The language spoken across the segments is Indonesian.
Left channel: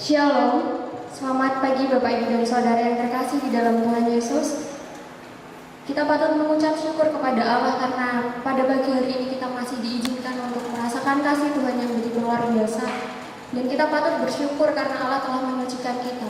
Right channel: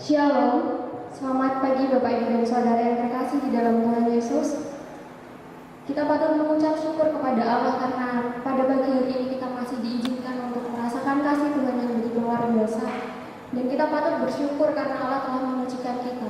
Shalom, selamat pagi Bapak Ibu dan Saudara yang terkasih di dalam Tuhan Yesus. Kita patut mengucap syukur kepada Allah karena pada pagi hari ini kita masih diizinkan untuk merasakan kasih Tuhan yang begitu luar biasa. Dan kita patut bersyukur karena Allah telah menyucikan kita.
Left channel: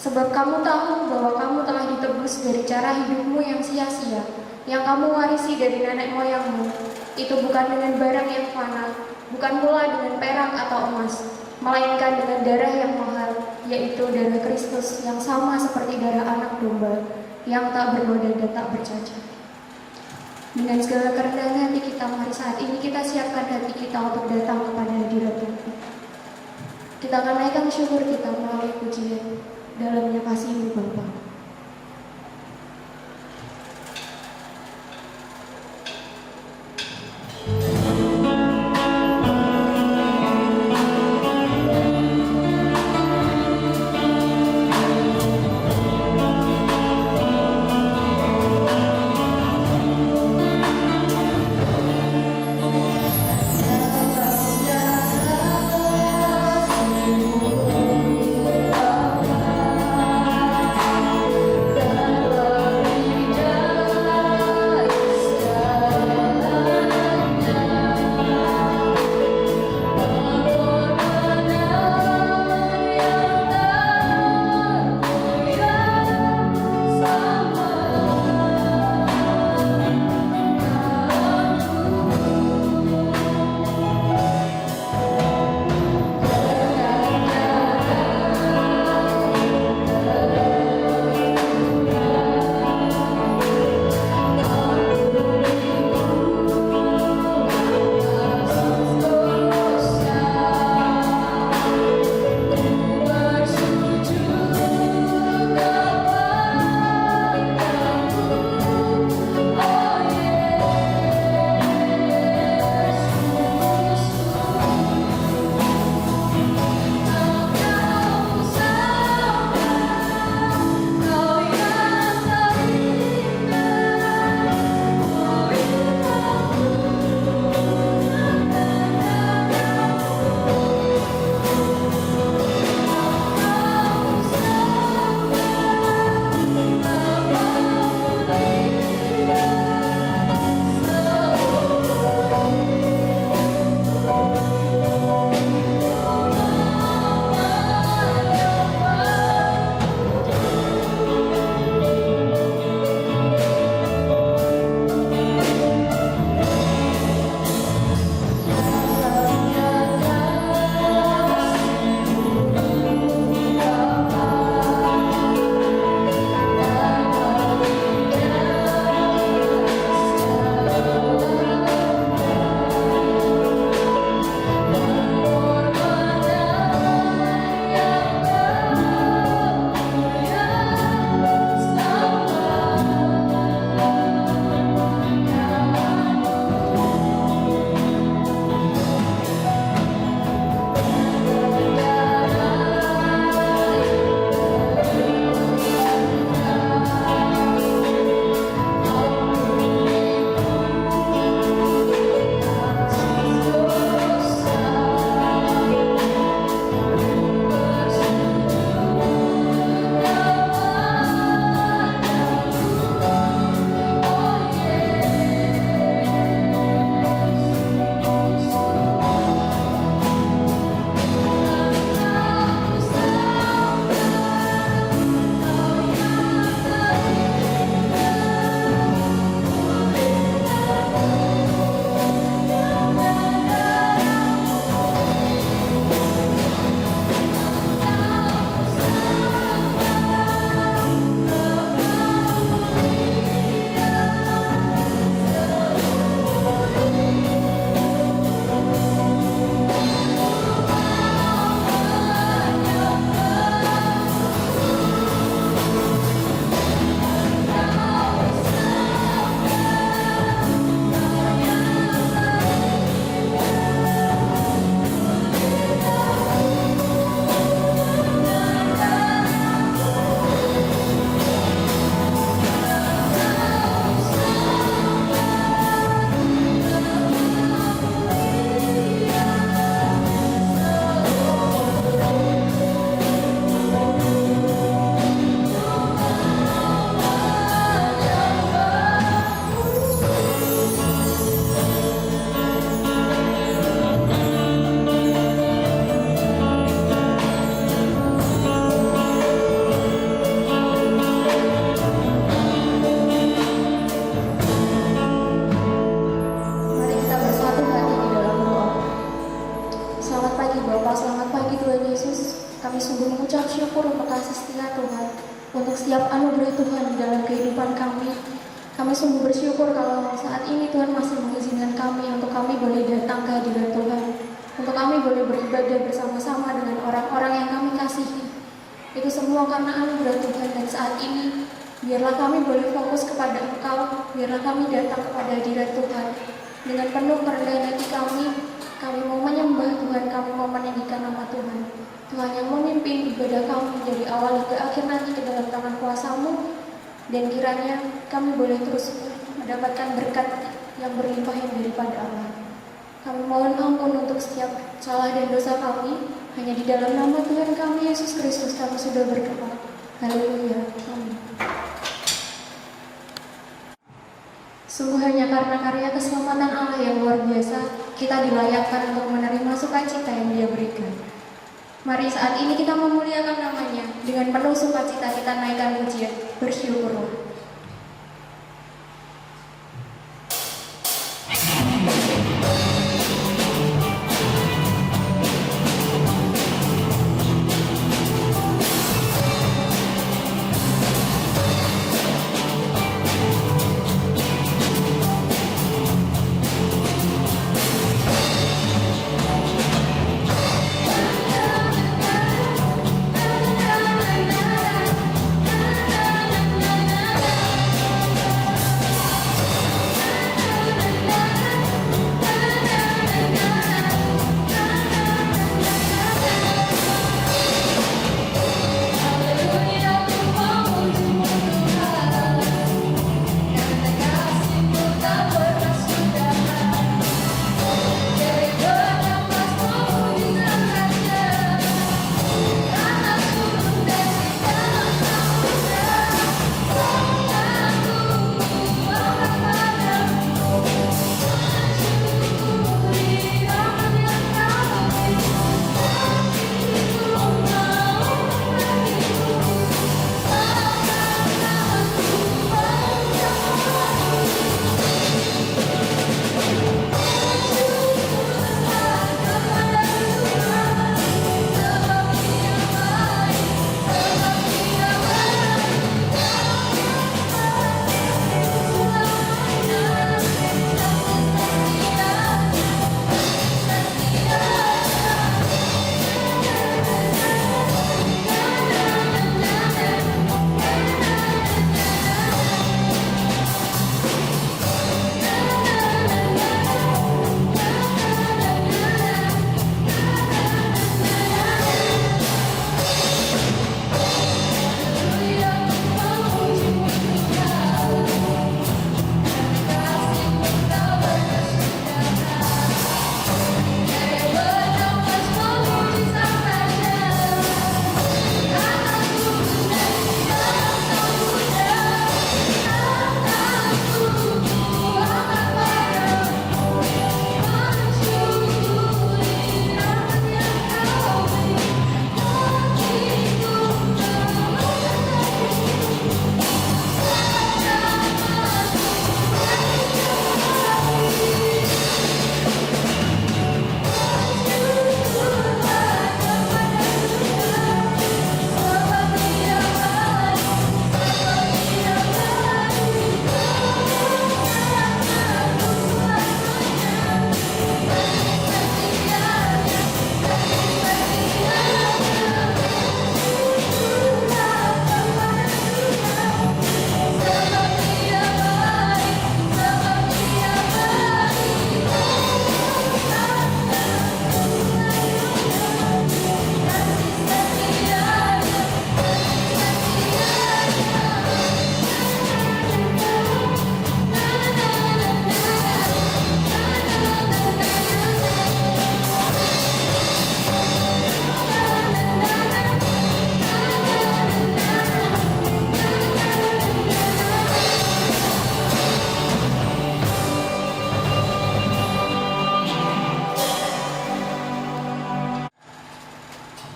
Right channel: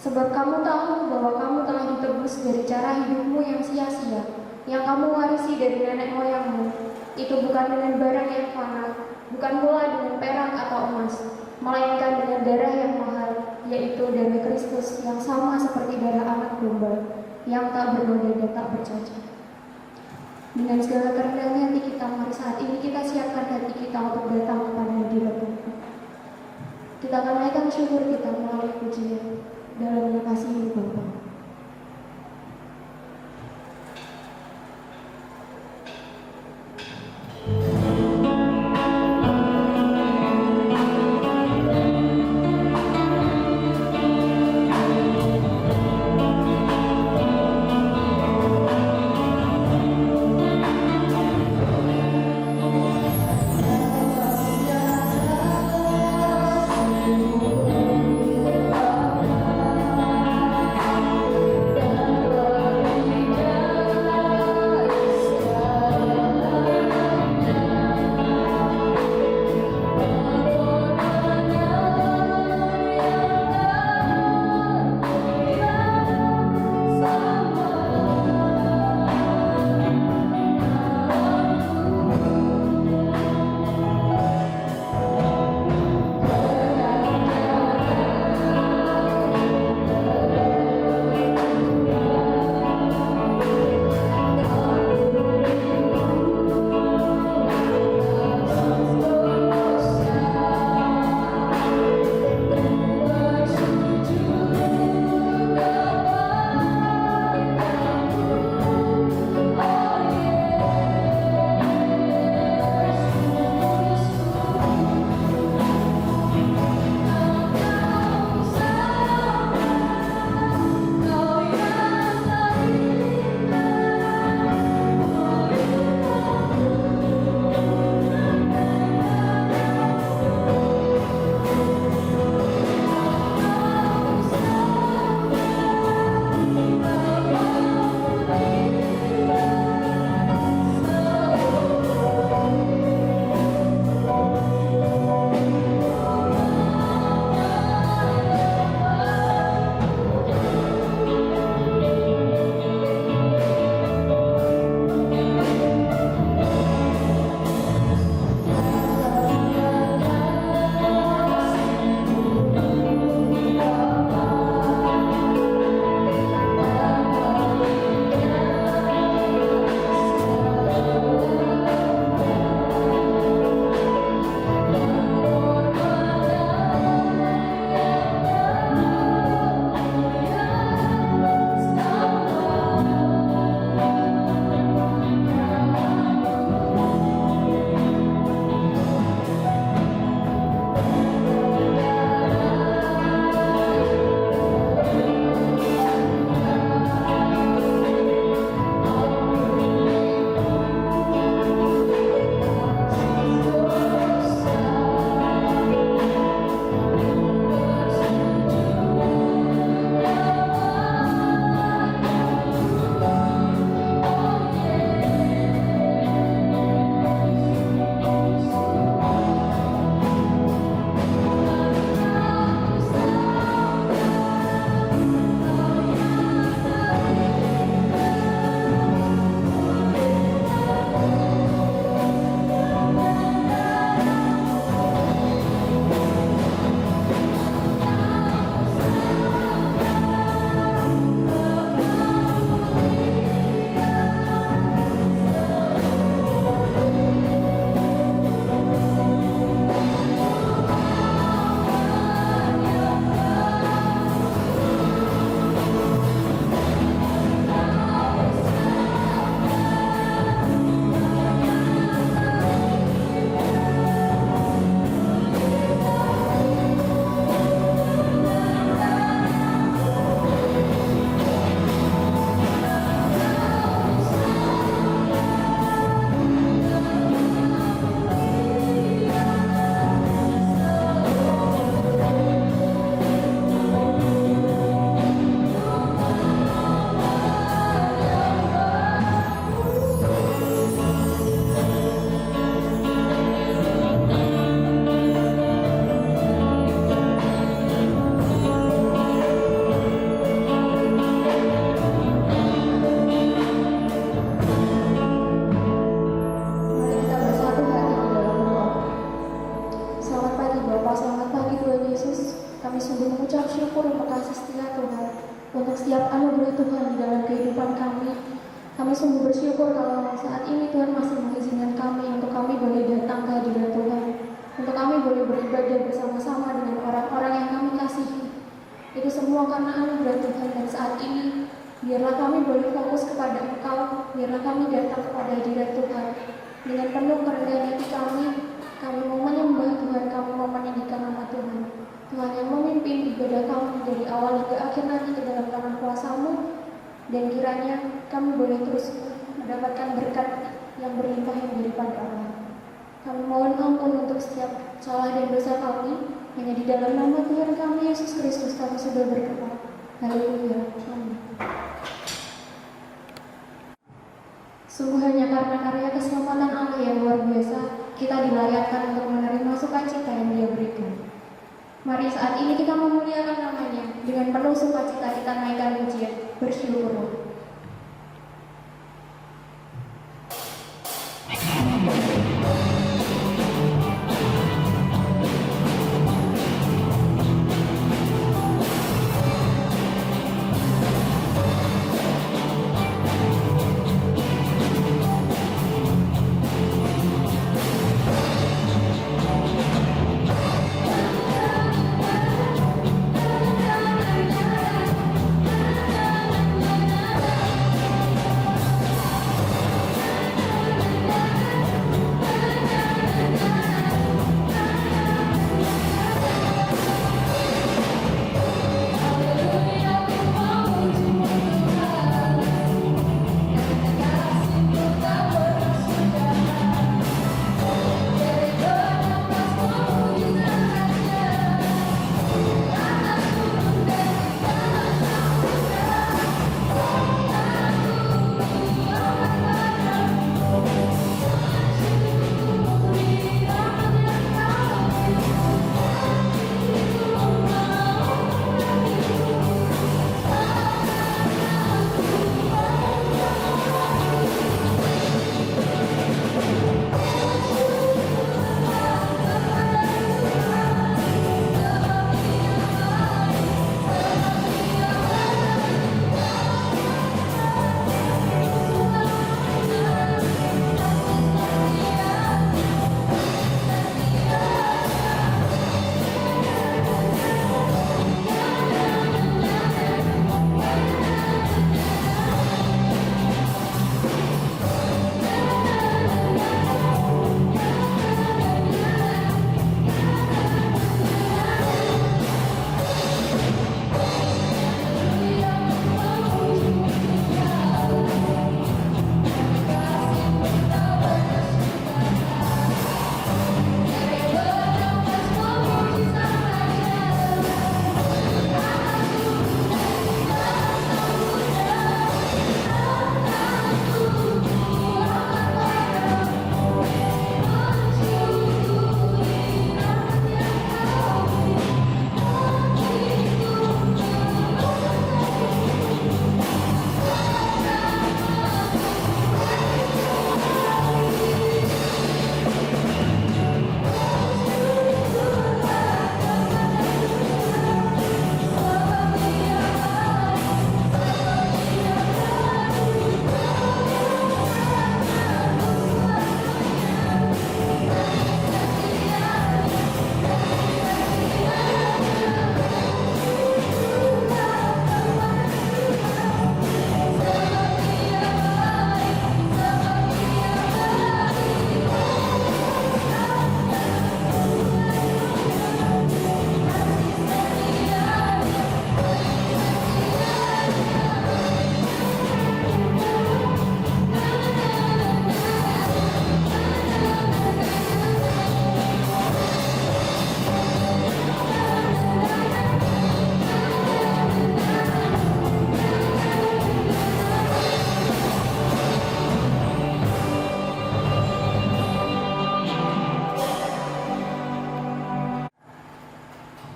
Sebab kamu tahu bahwa kamu telah ditebus dari cara hidupmu yang sia-sia, yang kamu warisi dari nenek moyangmu. Itu bukan dengan barang yang fana, bukan pula dengan perak atau emas, melainkan dengan darah yang mahal, yaitu darah Kristus yang sama seperti darah anak domba, yang tak bernoda dan tak bercacat. Dengan segala kerendahan hati kita, mari saat ini kita siapkan hati kita untuk datang kepada hadirat Tuhan. Kita akan naikkan syukur kita melalui pujian dalamnya kasih Bapa. untuk setiap anugerah Tuhan di dalam kehidupan kami. Kami sungguh bersyukur kalau saat ini Tuhan masih mengizinkan kami untuk kami boleh datang ke hadirat Tuhan, untuk kami boleh beribadah bersama-sama dengan orang-orang yang kami kasihi. Itu semua karena anugerah Tuhan, dan saat ini biarlah kami boleh fokus kepada Engkau, biarlah kami datang kepada hadirat Tuhan dengan penuh kerendahan hati kami. Kami mau menyembah Tuhan, kami mau meninggikan nama Tuhan. Tuhan yang memimpin ibadah kami dari awal hingga akhir nanti ke dalam tangan kuasa-Mu, dan kiranya kami boleh terus mendapatkan berkat yang berlimpah yang daripada Allah. Kami mohon ampun untuk setiap salah dan dosa kami. Hanya di dalam nama Tuhan kami Yesus Kristus kami sudah berdoa. Haleluya. Amin. Sungguh hanya karena karya keselamatan Allah yang luar biasa, kita dilayakkan untuk menerima sukacita yang Dia berikan. Mari saat ini kita memuliakan namanya. Dengan penuh sukacita kita naikkan pujian. Bersyukurlah.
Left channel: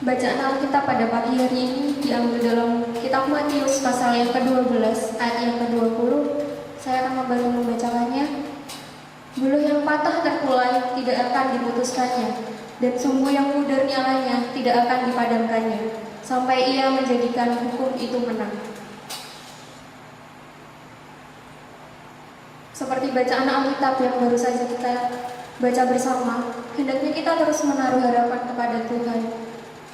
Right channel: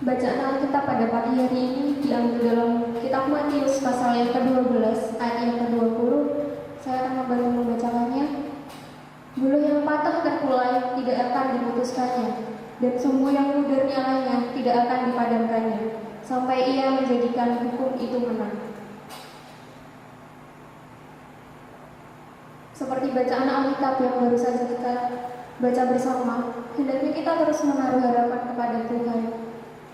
Bacaan Alkitab pada pagi hari ini diambil dalam kitab Matius pasal yang ke-12 ayat yang ke-20. Saya akan kembali membacakannya. Buluh yang patah terkulai tidak akan diputuskannya, dan sumbu yang pudar nyalanya tidak akan dipadamkannya. sampai ia menjadikan hukum itu menang. Seperti bacaan Alkitab yang baru saja kita baca bersama, hendaknya kita terus menaruh harapan kepada Tuhan.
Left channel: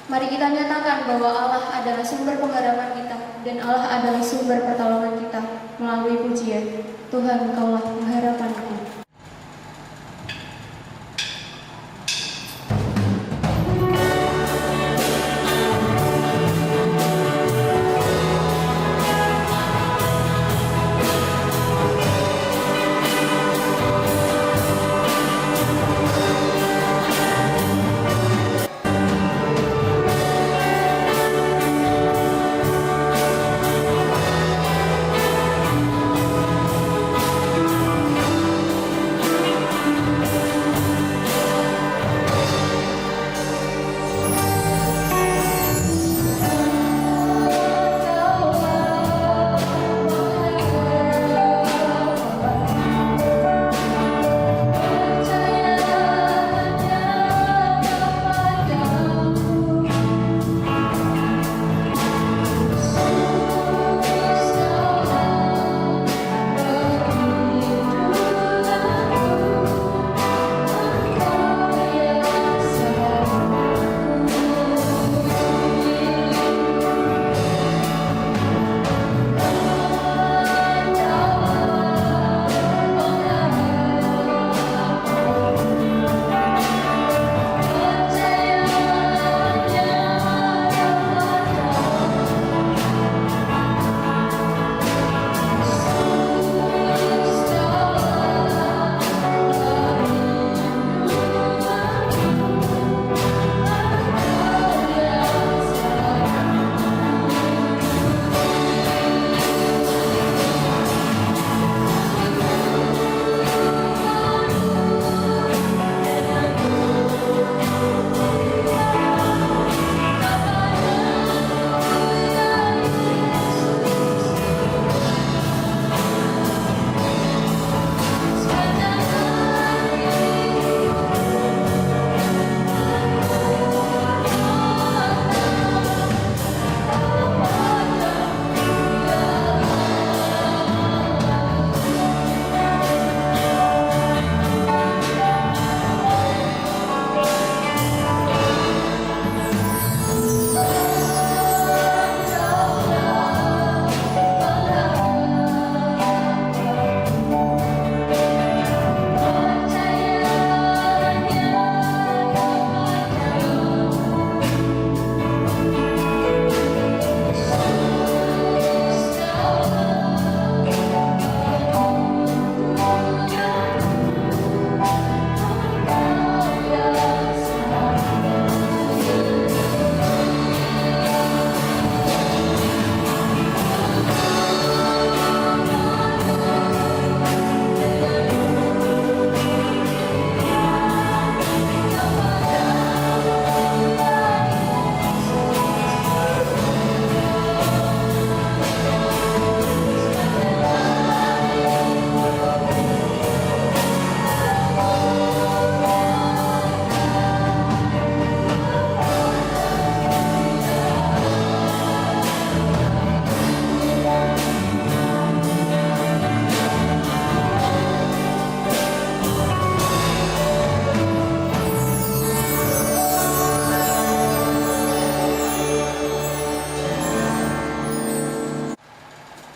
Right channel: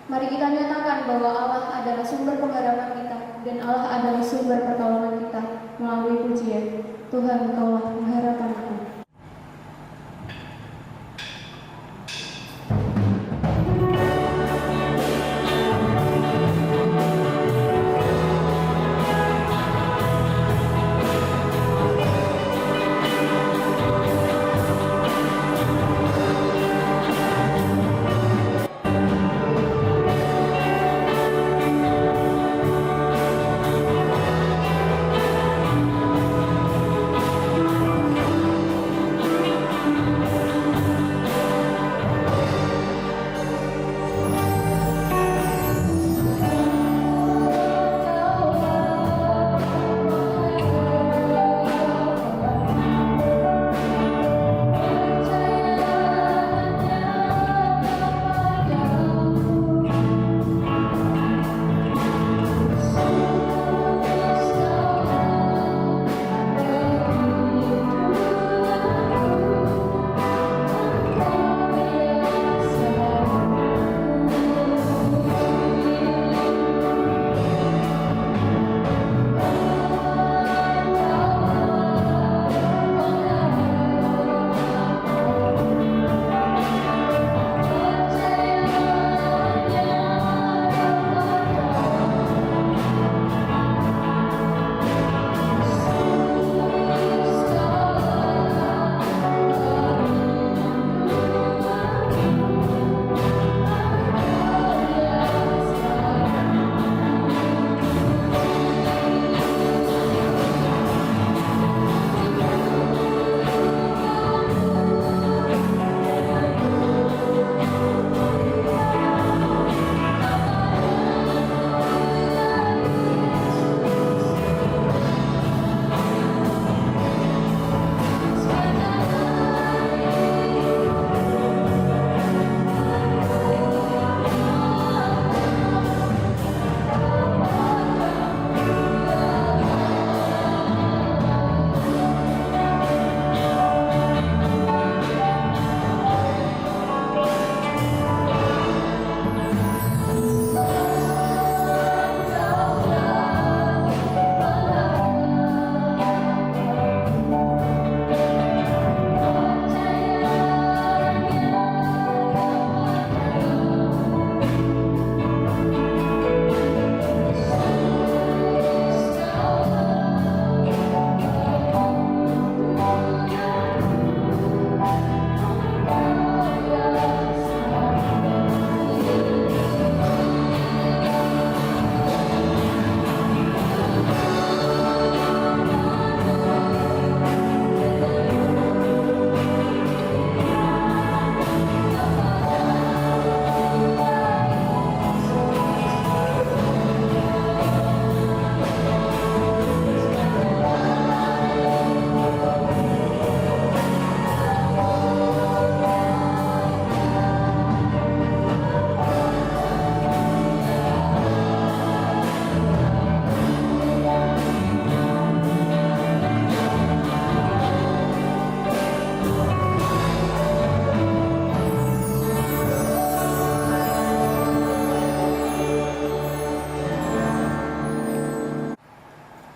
Mari kita nyatakan bahwa Allah adalah sumber pengharapan kita dan Allah adalah sumber pertolongan kita melalui pujian. Tuhan, Engkaulah pengharapanku.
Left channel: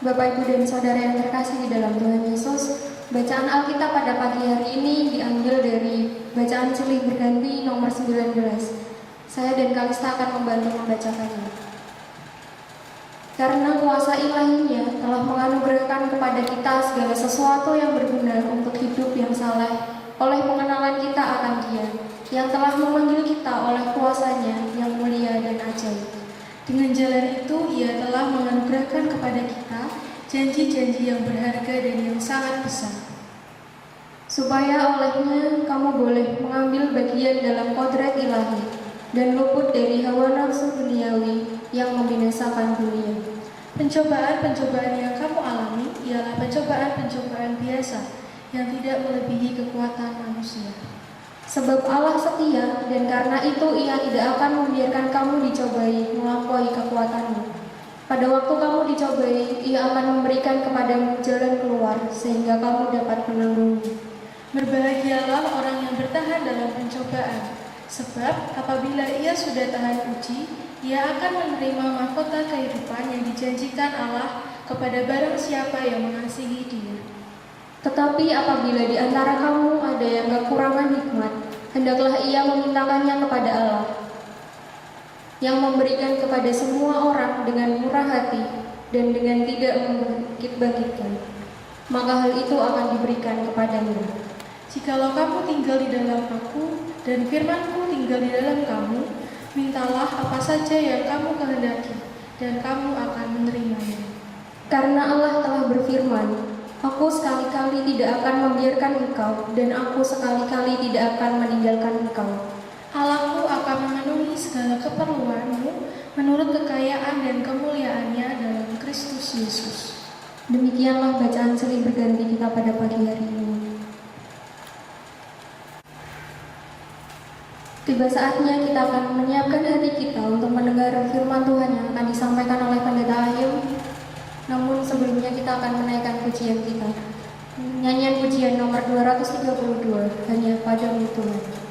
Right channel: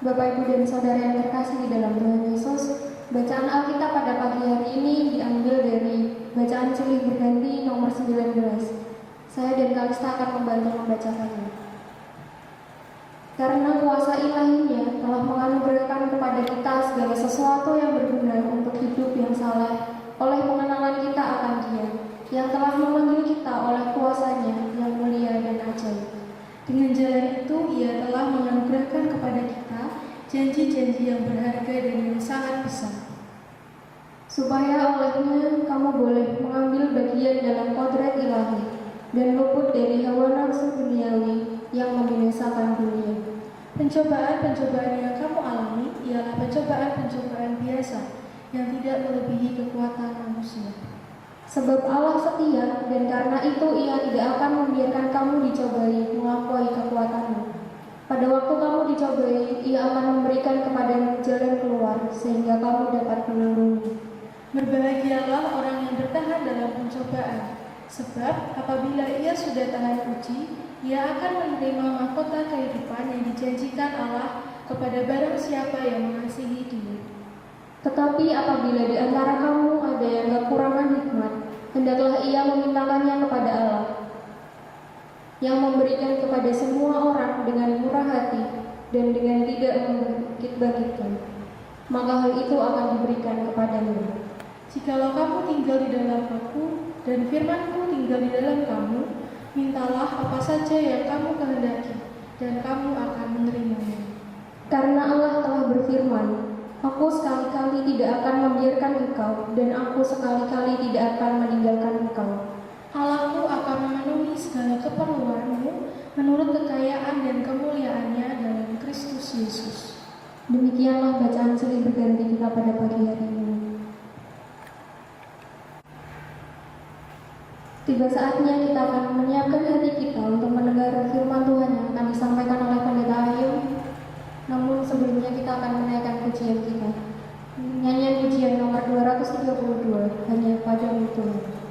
Bapak, Ibu, dan Saudara yang terkasih di dalam Tuhan Yesus, bacaan Alkitab pada pagi hari ini diambil dari bacaan silih berganti nomor 19. Saya dan Kalista akan membantu membacakannya. Karena kuasa ilahinya telah menganugerahkan kepada kita segala sesuatu yang berguna untuk hidup yang saleh oleh pengenalan kita akan Dia, yang telah memanggil kita oleh kuasanya yang mulia dan ajaib. Dengan jalan itu, Ia telah menganugerahkan kepada kita janji-janji yang berharga dan yang sangat besar, supaya olehnya kamu boleh mengambil bagian dalam kodrat ilahi dan luput dari hawa nafsu duniawi yang membinasakan dunia. Pencobaan-pencobaan yang kamu alami ialah pencobaan-pencobaan biasa yang tidak melebihi kekuatan manusia. Sebab Allah setia, dan karena itu Ia tidak akan membiarkan kamu dicobai melampaui kekuatanmu. Pada waktu kamu dicobai, Ia akan memberikan kepadamu jalan keluar, sehingga kamu dapat menanggungnya. Berbahagialah orang yang bertahan dalam pencobaan, sebab apabila ia sudah tahan uji, ia akan menerima mahkota kehidupan yang dijanjikan Allah kepada barang siapa yang mengasihi Dia. Tetapi apabila di antara kamu ada yang kekurangan hikmat, hendaklah ia memintakannya kepada Allah, yang memberikan kepada semua orang dengan murah hati dan dengan tidak membangkit-bangkitkan, maka hal itu akan diberikan kepadanya. Jikalau kamu tinggal di dalam Aku dan firman-Ku tinggal di dalam kamu, mintalah apa saja yang kamu kehendaki, dan kamu akan menerimanya. Karena Allah telah berfirman, Aku sekali-kali tidak akan membiarkan engkau, dan Aku sekali-kali tidak akan meninggalkan engkau. Allahku akan memenuhi segala keperluanmu menurut kekayaan dan kemuliaannya dalam Kristus Yesus. Demikianlah bacaan silih berganti kita pada pagi hari ini. Tiba saatnya kita akan menyiapkan hati kita untuk mendengar firman Tuhan yang akan disampaikan oleh Pendeta Ayum. Namun sebelumnya kita akan menaikkan pujian kita. Nyanyian pujian nomor 232, Hanya Padamu Tuhan.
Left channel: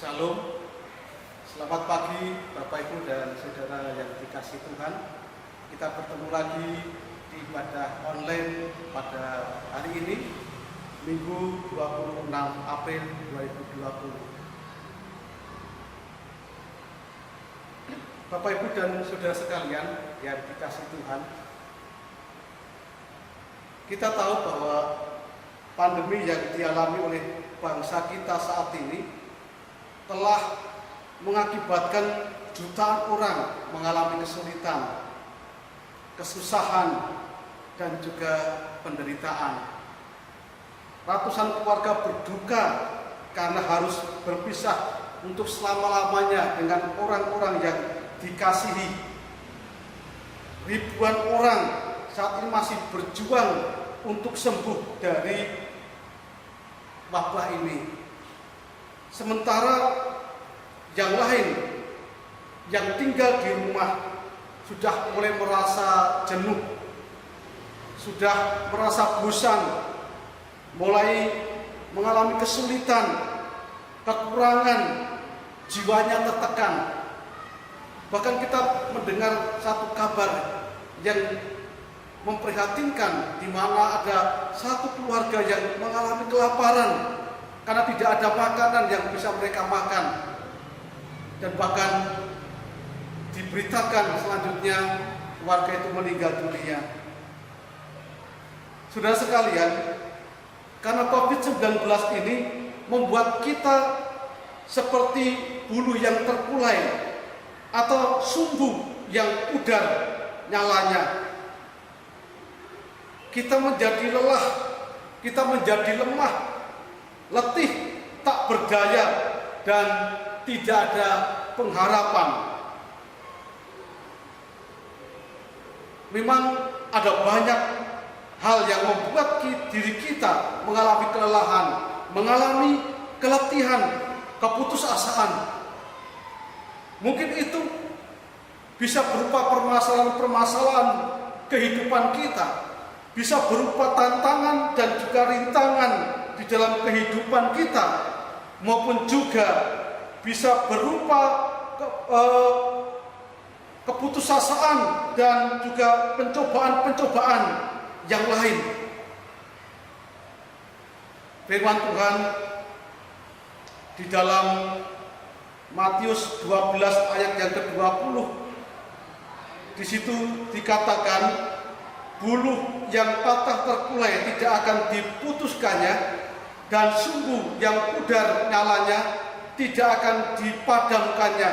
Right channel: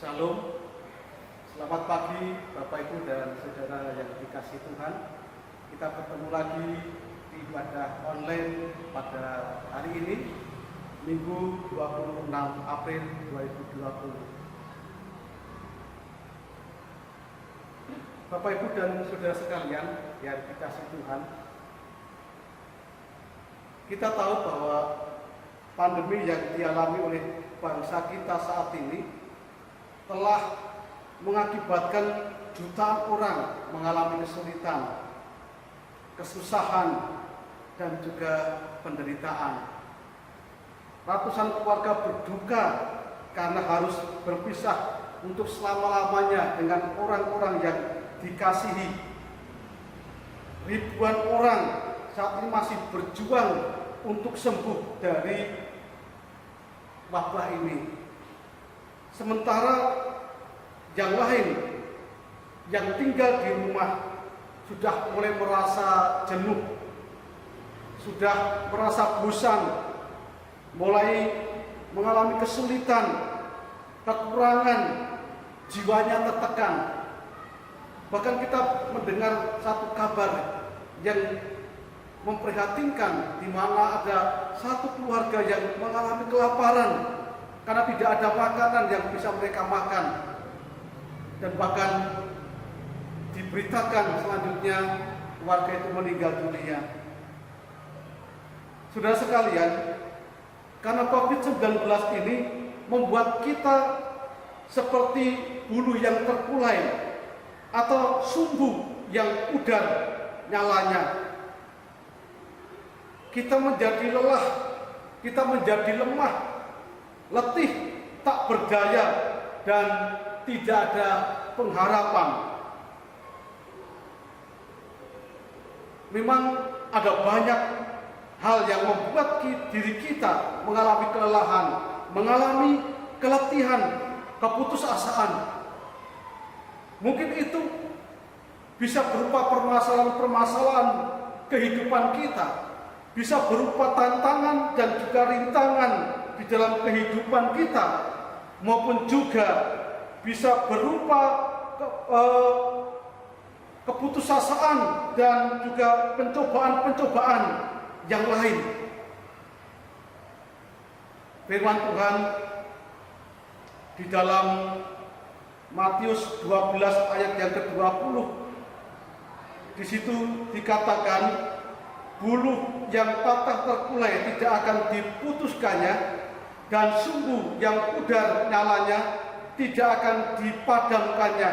Shalom, selamat pagi Bapak Ibu dan Saudara yang dikasihi Tuhan. Kita bertemu lagi di ibadah online pada hari ini, Minggu 26 April 2020. Bapak Ibu dan Saudara sekalian yang dikasihi Tuhan, kita tahu bahwa pandemi yang dialami oleh bangsa kita saat ini telah mengakibatkan jutaan orang mengalami kesulitan, kesusahan, dan juga penderitaan. Ratusan keluarga berduka karena harus berpisah untuk selama-lamanya dengan orang-orang yang dikasihi. ribuan orang saat ini masih berjuang untuk sembuh dari wabah ini. Sementara yang lain yang tinggal di rumah sudah mulai merasa jenuh, sudah merasa bosan, mulai mengalami kesulitan, kekurangan, jiwanya tertekan. Bahkan kita mendengar satu kabar yang memprihatinkan, di mana ada satu keluarga yang mengalami kelaparan karena tidak ada makanan yang bisa mereka makan. Dan bahkan diberitakan selanjutnya warga itu meninggal dunia. Saudara sekalian, karena COVID-19 ini membuat kita seperti bulu yang terkulai atau sumbu yang pudar nyalanya. Kita menjadi lelah, kita menjadi lemah, letih, tak berdaya, dan tidak ada pengharapan. Memang ada banyak hal yang membuat diri kita mengalami kelelahan, mengalami keletihan, keputusasaan. Mungkin itu bisa berupa permasalahan-permasalahan kehidupan kita, bisa berupa tantangan dan juga rintangan di dalam kehidupan kita, maupun juga bisa berupa keputusasaan dan juga pencobaan-pencobaan yang lain. Firman Tuhan di dalam Matius 12 ayat yang ke-20, di situ dikatakan, buluh yang patah terkulai tidak akan diputuskannya, dan sumbu yang pudar nyalanya tidak akan dipadamkannya,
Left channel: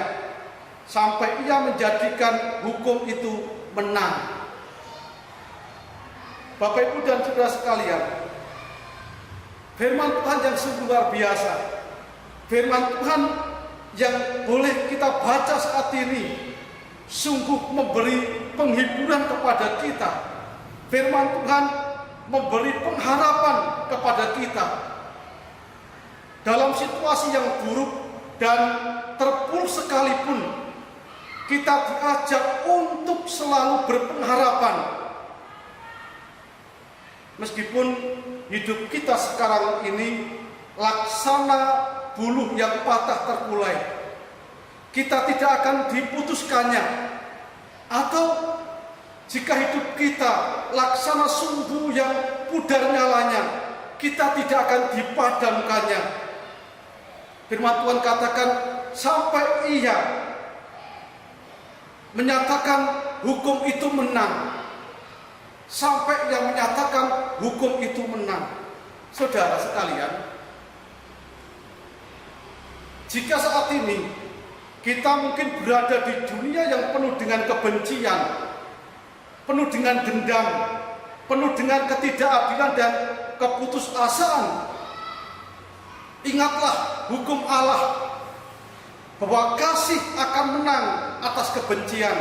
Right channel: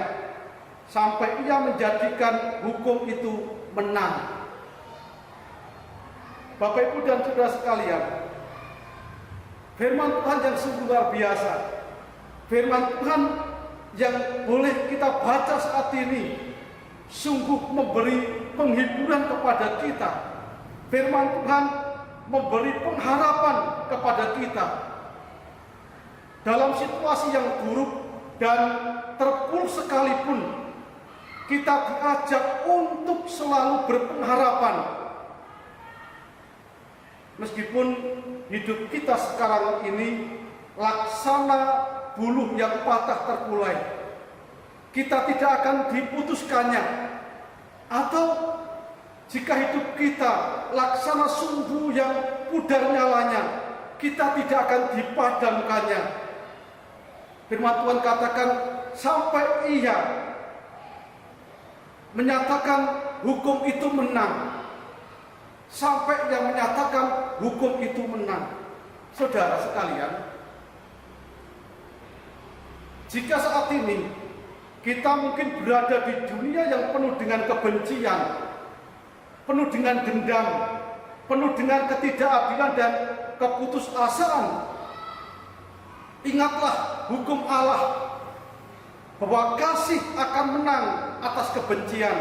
sampai ia menjadikan hukum itu menang. Bapak, Ibu, dan saudara sekalian, firman Tuhan yang sungguh luar biasa, firman Tuhan yang boleh kita baca saat ini, sungguh memberi penghiburan kepada kita. Firman Tuhan memberi pengharapan kepada kita. Dalam situasi yang buruk dan terpuruk sekalipun, kita diajak untuk selalu berpengharapan. Meskipun hidup kita sekarang ini laksana buluh yang patah terkulai, kita tidak akan diputuskannya. Atau jika hidup kita laksana sumbu yang pudar nyalanya, kita tidak akan dipadamkannya. Firman Tuhan katakan, sampai ia menyatakan hukum itu menang. Sampai yang menyatakan hukum itu menang. Saudara sekalian, jika saat ini kita mungkin berada di dunia yang penuh dengan kebencian, penuh dengan dendam, penuh dengan ketidakadilan dan keputusasaan, ingatlah hukum Allah bahwa kasih akan menang atas kebencian,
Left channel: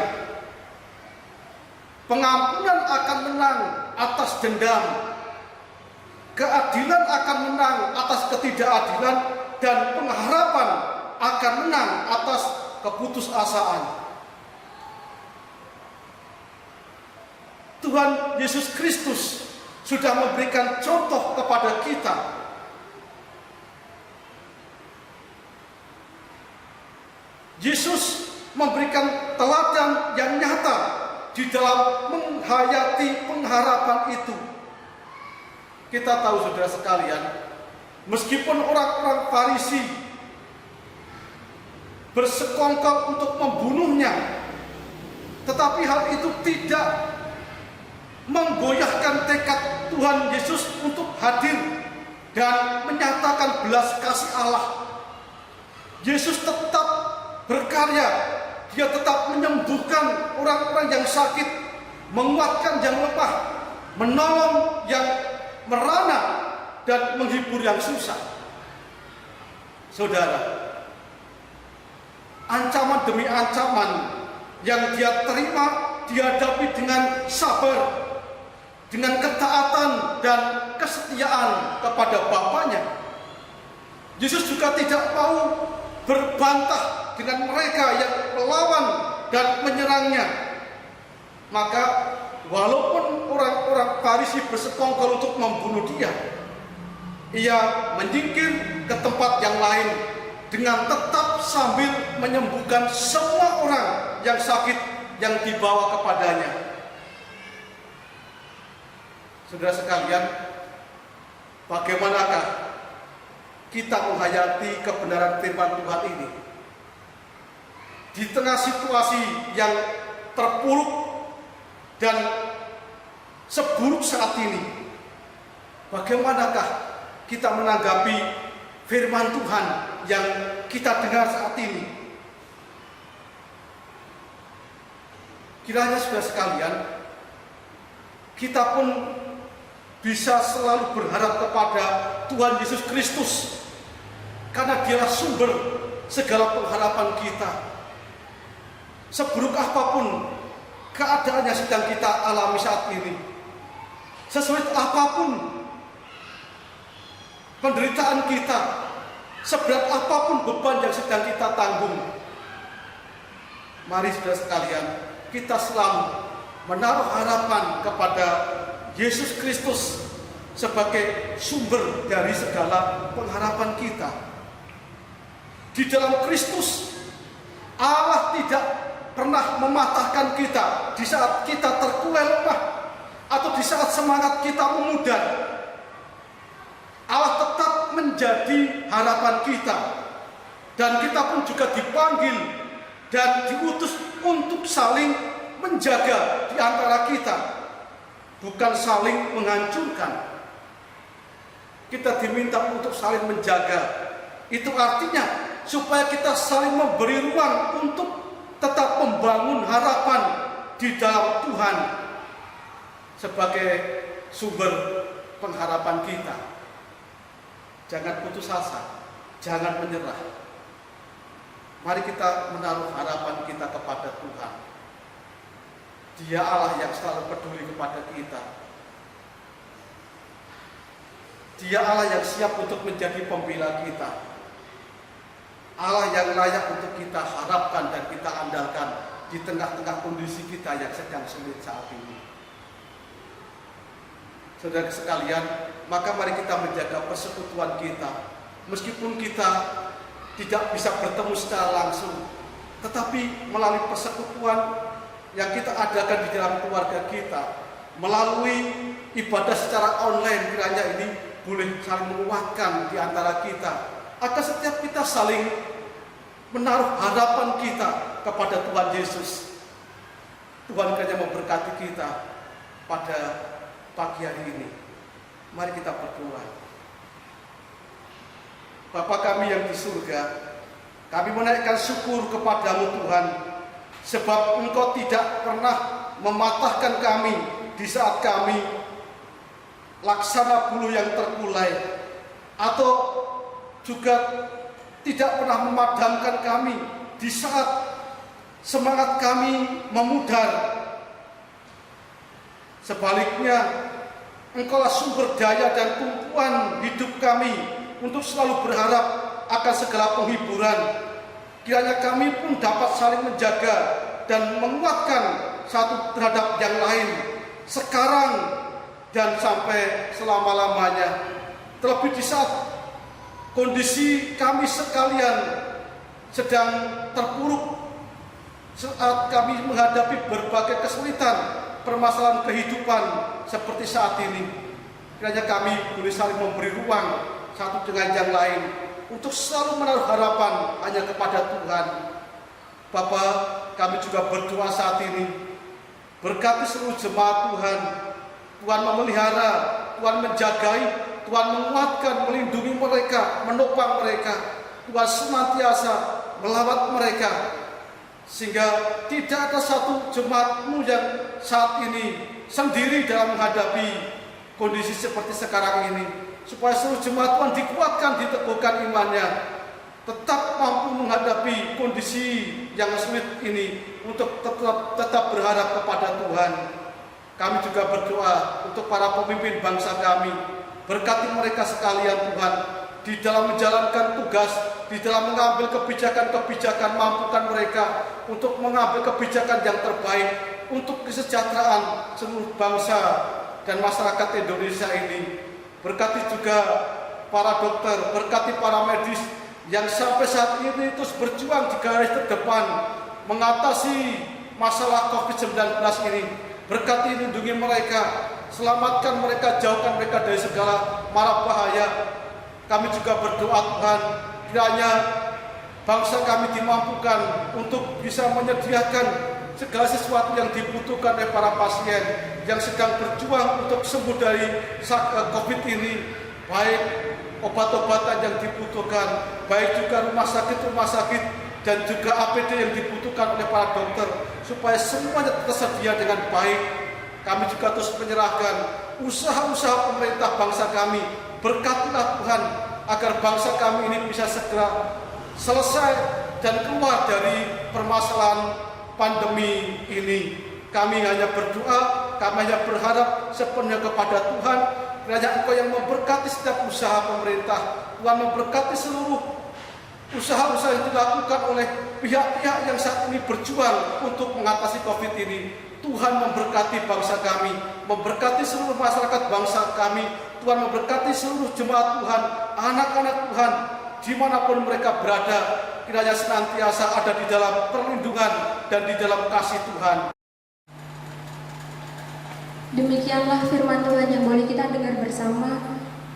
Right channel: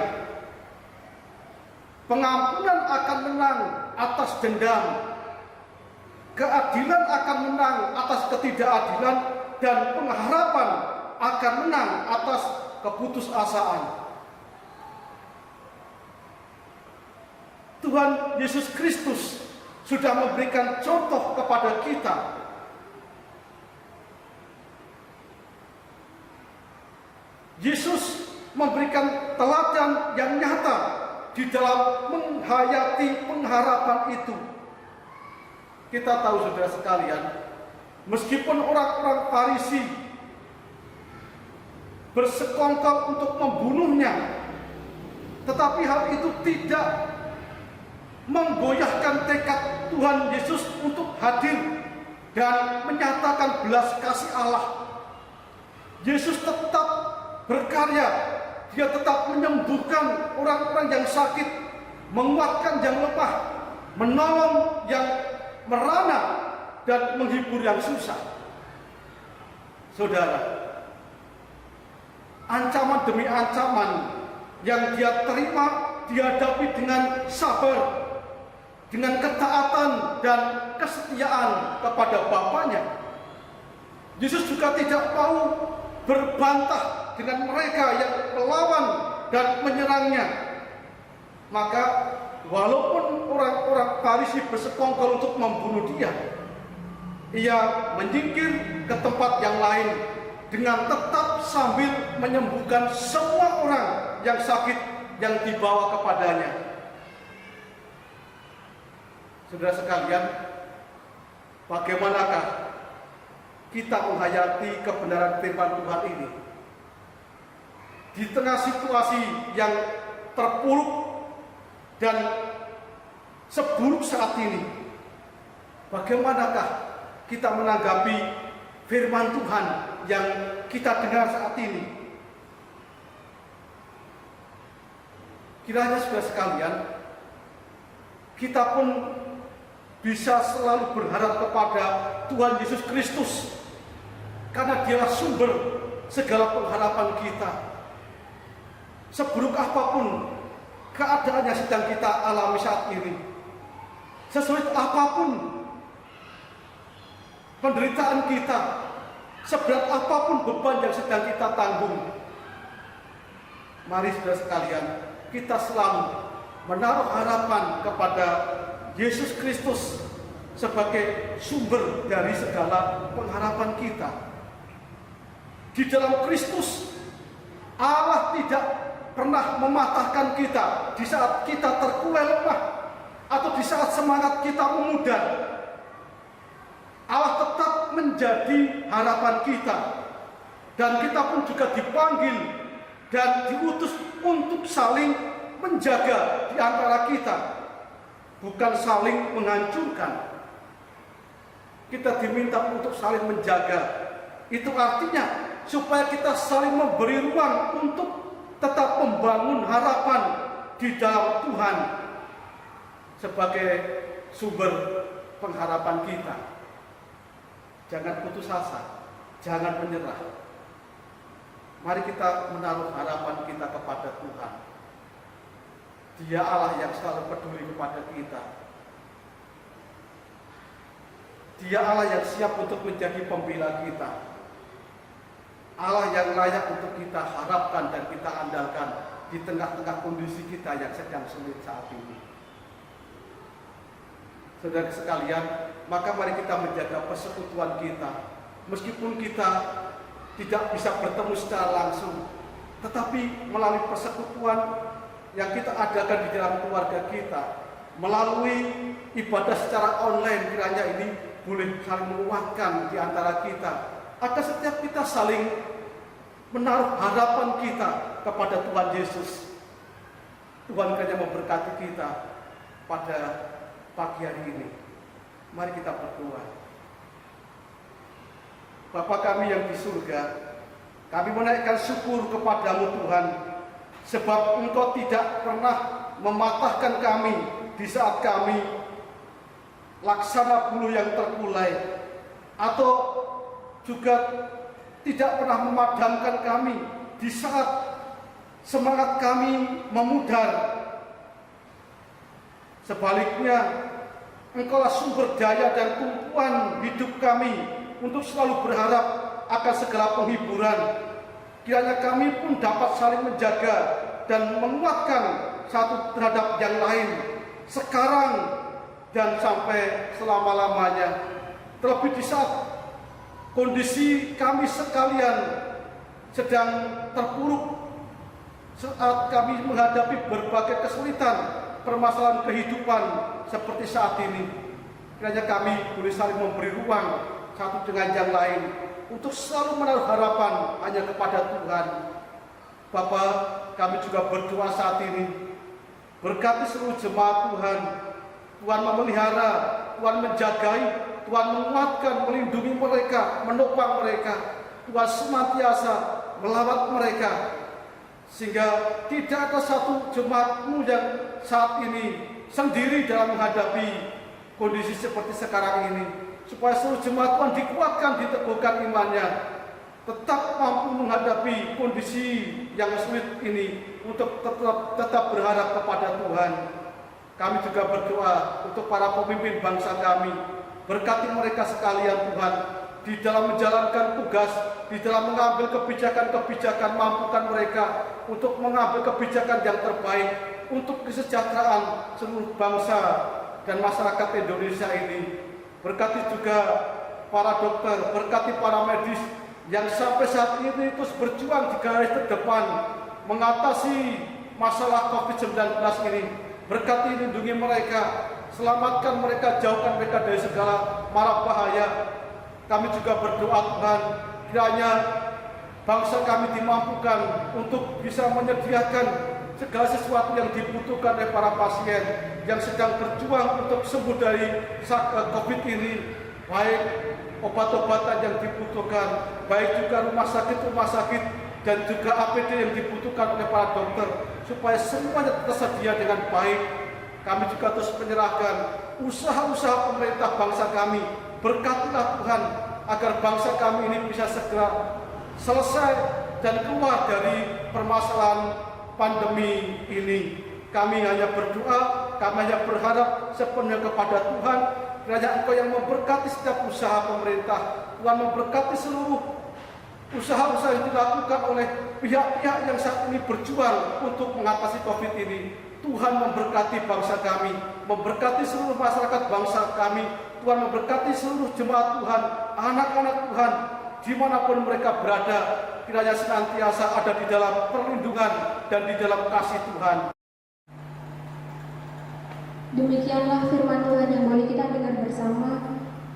pengampunan akan menang atas dendam, keadilan akan menang atas ketidakadilan, dan pengharapan akan menang atas keputusasaan. Tuhan Yesus Kristus sudah memberikan contoh kepada kita. Yesus memberikan teladan yang nyata di dalam menghayati pengharapan itu. Kita tahu, saudara sekalian, meskipun orang-orang Farisi bersekongkol untuk membunuhnya, tetapi hal itu tidak menggoyahkan tekad Tuhan Yesus untuk hadir dan menyatakan belas kasih Allah. Yesus tetap berkarya, dia tetap menyembuhkan orang-orang yang sakit, menguatkan yang lemah, menolong yang merana, dan menghibur yang susah. Saudara, ancaman demi ancaman yang dia terima dihadapi dengan sabar, dengan ketaatan dan kesetiaan kepada Bapaknya. Yesus juga tidak mau berbantah dengan mereka yang melawan dan menyerangnya. Maka walaupun orang-orang Farisi bersekongkol untuk membunuh dia, ia menyingkir ke tempat yang lain dengan tetap sambil menyembuhkan semua orang yang sakit yang dibawa kepadanya. Saudara sekalian, bagaimanakah kita menghayati kebenaran firman Tuhan ini di tengah situasi yang terpuruk dan seburuk saat ini? Bagaimanakah kita menanggapi firman Tuhan yang kita dengar saat ini? Kiranya saudara sekalian, kita pun bisa selalu berharap kepada Tuhan Yesus Kristus, karena Dialah sumber segala pengharapan kita. Seburuk apapun keadaan yang sedang kita alami saat ini, sesulit apapun penderitaan kita, seberat apapun beban yang sedang kita tanggung, mari saudara sekalian, kita selalu menaruh harapan kepada Yesus Kristus sebagai sumber dari segala pengharapan kita. Di dalam Kristus, Allah tidak pernah mematahkan kita di saat kita terkulai lemah atau di saat semangat kita memudar. Allah tetap menjadi harapan kita, dan kita pun juga dipanggil dan diutus untuk saling menjaga di antara kita, bukan saling menghancurkan. Kita diminta untuk saling menjaga. Itu artinya supaya kita saling memberi ruang untuk tetap membangun harapan di dalam Tuhan sebagai sumber pengharapan kita. Jangan putus asa, jangan menyerah. Mari kita menaruh harapan kita kepada Tuhan. Dia Allah yang selalu peduli kepada kita. Dia Allah yang siap untuk menjadi pembela kita. Allah yang layak untuk kita harapkan dan kita andalkan di tengah-tengah kondisi kita yang sedang sulit saat ini. Saudara sekalian, maka mari kita menjaga persekutuan kita. Meskipun kita tidak bisa bertemu secara langsung, tetapi melalui persekutuan yang kita adakan di dalam keluarga kita, melalui ibadah secara online, kiranya ini boleh saling menguatkan di antara kita, agar setiap kita saling menaruh harapan kita kepada Tuhan Yesus. Tuhan kiranya memberkati kita pada pagi hari ini. Mari kita berdoa. Bapa kami yang di surga, kami menaikkan syukur kepadamu Tuhan, sebab Engkau tidak pernah mematahkan kami di saat kami laksana bulu yang terkulai, atau juga tidak pernah memadamkan kami di saat semangat kami memudar. Sebaliknya, Engkaulah sumber daya dan tumpuan hidup kami untuk selalu berharap akan segala penghiburan. Kiranya kami pun dapat saling menjaga dan menguatkan satu terhadap yang lain, sekarang dan sampai selama-lamanya. Terlebih di saat kondisi kami sekalian sedang terpuruk, saat kami menghadapi berbagai kesulitan, permasalahan kehidupan seperti saat ini, kiranya kami boleh saling memberi ruang satu dengan yang lain untuk selalu menaruh harapan hanya kepada Tuhan. Bapa, kami juga berdoa saat ini, berkati seluruh jemaat Tuhan. Tuhan memelihara, Tuhan menjagai, Tuhan menguatkan, melindungi mereka, menopang mereka. Tuhan senantiasa melawat mereka, sehingga tidak ada satu jemaat-Mu yang saat ini sendiri dalam menghadapi kondisi seperti sekarang ini. Supaya seluruh jemaat Tuhan dikuatkan, diteguhkan imannya, tetap mampu menghadapi kondisi yang sulit ini untuk tetap berharap kepada Tuhan. Kami juga berdoa untuk para pemimpin bangsa kami. Berkati mereka sekalian Tuhan, di dalam menjalankan tugas, di dalam mengambil kebijakan-kebijakan, mampukan mereka untuk mengambil kebijakan yang terbaik untuk kesejahteraan seluruh bangsa dan masyarakat Indonesia ini. Berkati juga para dokter, berkati para medis yang sampai saat ini terus berjuang di garis terdepan mengatasi masalah COVID-19 ini. Berkati, lindungi mereka, selamatkan mereka, jauhkan mereka dari segala mara bahaya. Kami juga berdoa Tuhan, kiranya bangsa kami dimampukan untuk bisa menyediakan segala sesuatu yang dibutuhkan oleh para pasien yang sedang berjuang untuk sembuh dari COVID ini, baik obat-obatan yang dibutuhkan, baik juga rumah sakit dan juga APD yang dibutuhkan oleh para dokter, supaya semuanya tersedia dengan baik. Kami juga terus menyerahkan usaha-usaha pemerintah bangsa kami. Berkatilah Tuhan, agar bangsa kami ini bisa segera selesai dan keluar dari permasalahan pandemi ini. Kami hanya berdoa, kami hanya berharap sepenuhnya kepada Tuhan. Kiranya Engkau yang memberkati setiap usaha pemerintah. Tuhan memberkati seluruh usaha-usaha yang dilakukan oleh pihak-pihak yang saat ini berjuang untuk mengatasi COVID ini. Tuhan memberkati bangsa kami, memberkati seluruh masyarakat bangsa kami. Tuhan memberkati seluruh jemaat Tuhan, anak-anak Tuhan, dimanapun mereka berada. Kiranya senantiasa ada di dalam perlindungan dan di dalam kasih Tuhan. Demikianlah firman Tuhan yang boleh kita dengar bersama.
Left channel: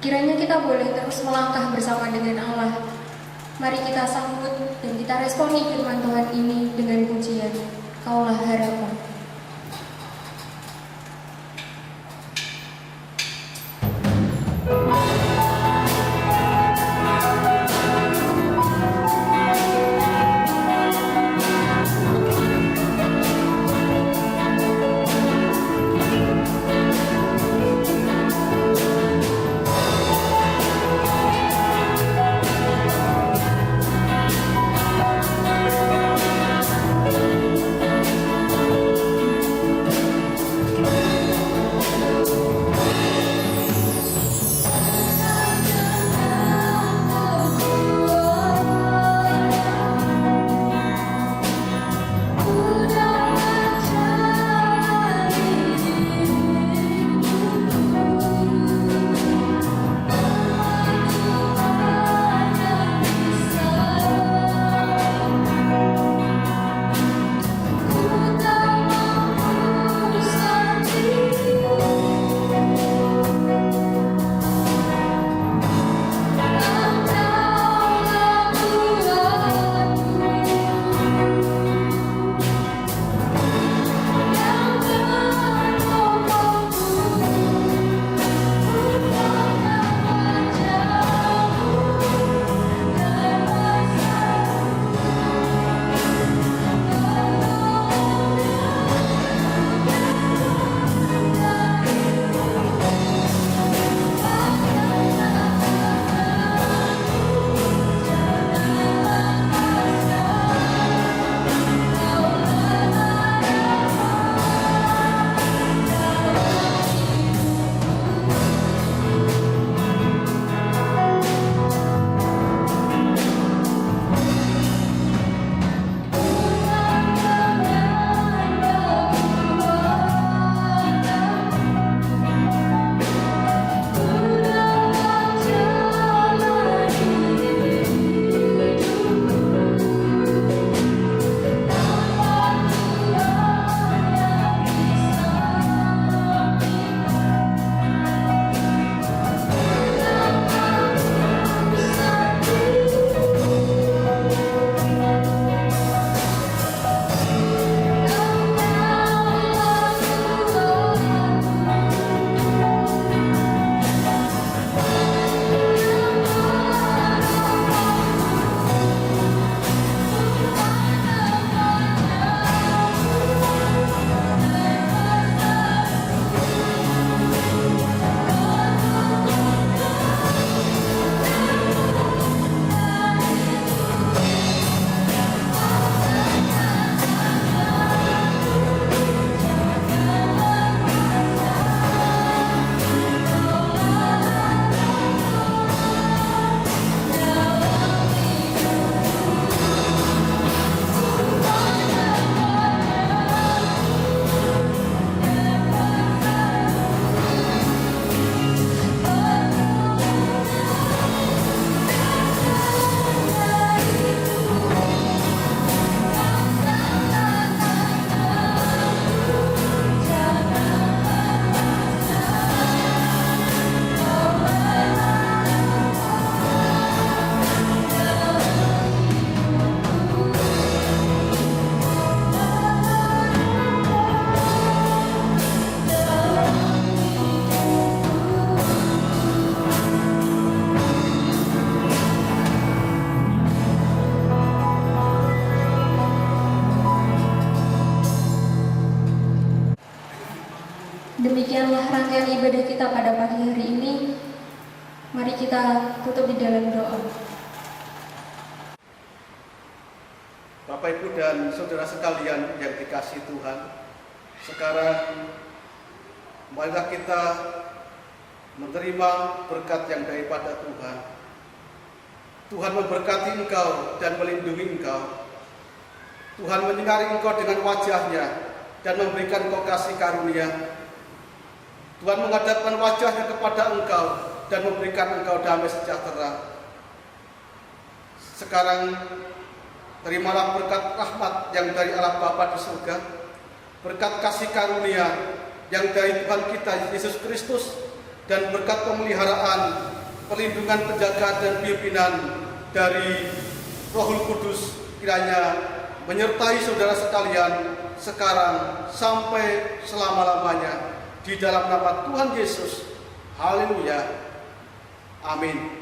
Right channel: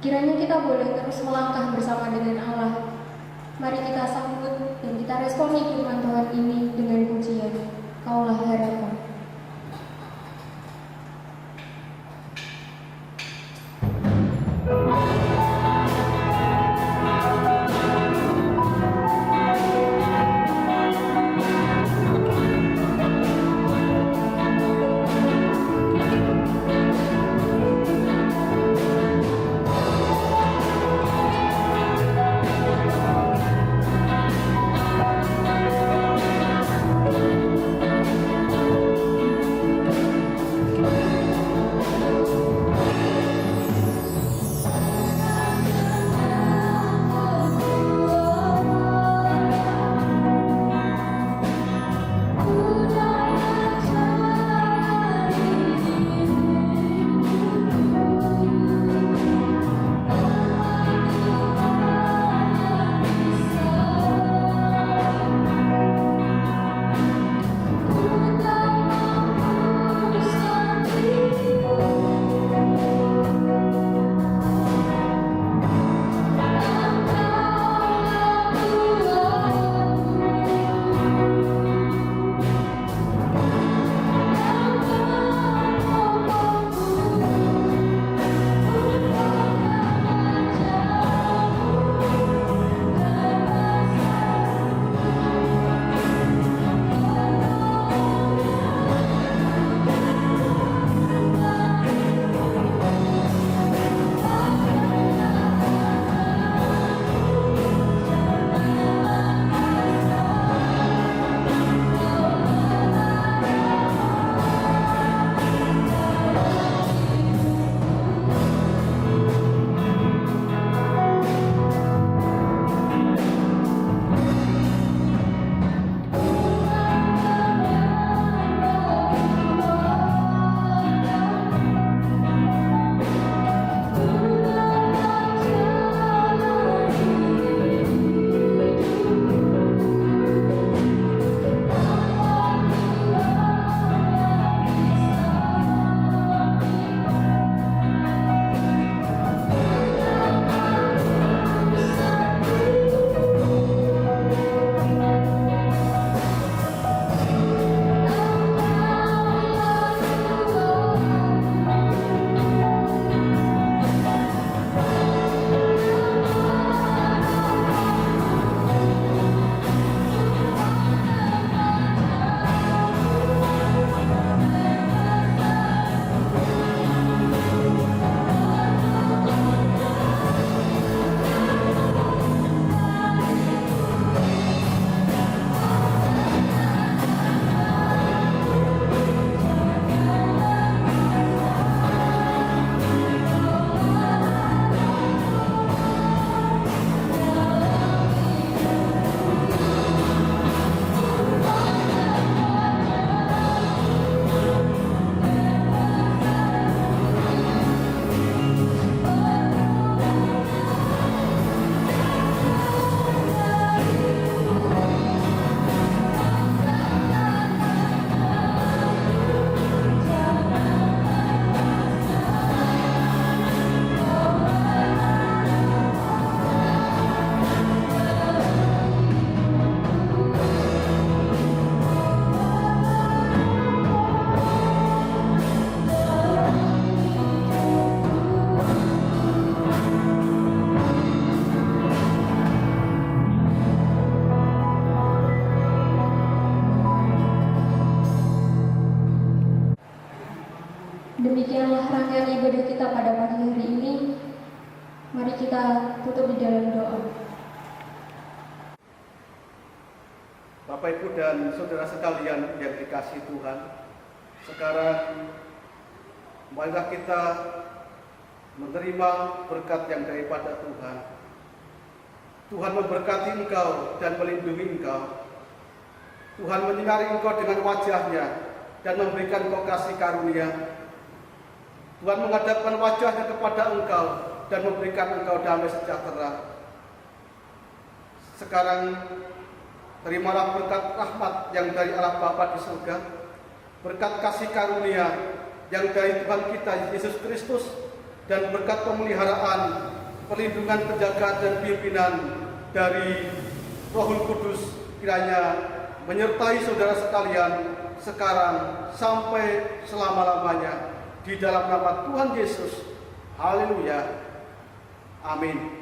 Kiranya kita boleh terus melangkah bersama dengan Allah. Mari kita sambut dan kita responi firman Tuhan ini dengan pujian. Kaulah harapan. Demikianlah rangkaian ibadah kita pada pagi hari ini. Mari kita tutup di dalam doa. Bapak, Ibu, dan saudara sekalian yang dikasihi Tuhan, sekarang marilah kita menerima berkat yang daripada Tuhan. Tuhan memberkati engkau dan melindungi engkau. Tuhan menyinari engkau dengan wajah-Nya dan memberikan engkau kasih karunia. Tuhan menghadapkan wajah-Nya kepada engkau dan memberikan engkau damai sejahtera. Sekarang terimalah berkat rahmat yang dari Allah Bapa di surga, berkat kasih karunia yang dari Tuhan kita Yesus Kristus, dan berkat pemeliharaan, perlindungan, penjagaan, dan pimpinan dari Rohul Kudus kiranya menyertai saudara sekalian sekarang sampai selama-lamanya, di dalam nama Tuhan Yesus. Haleluya. Amin.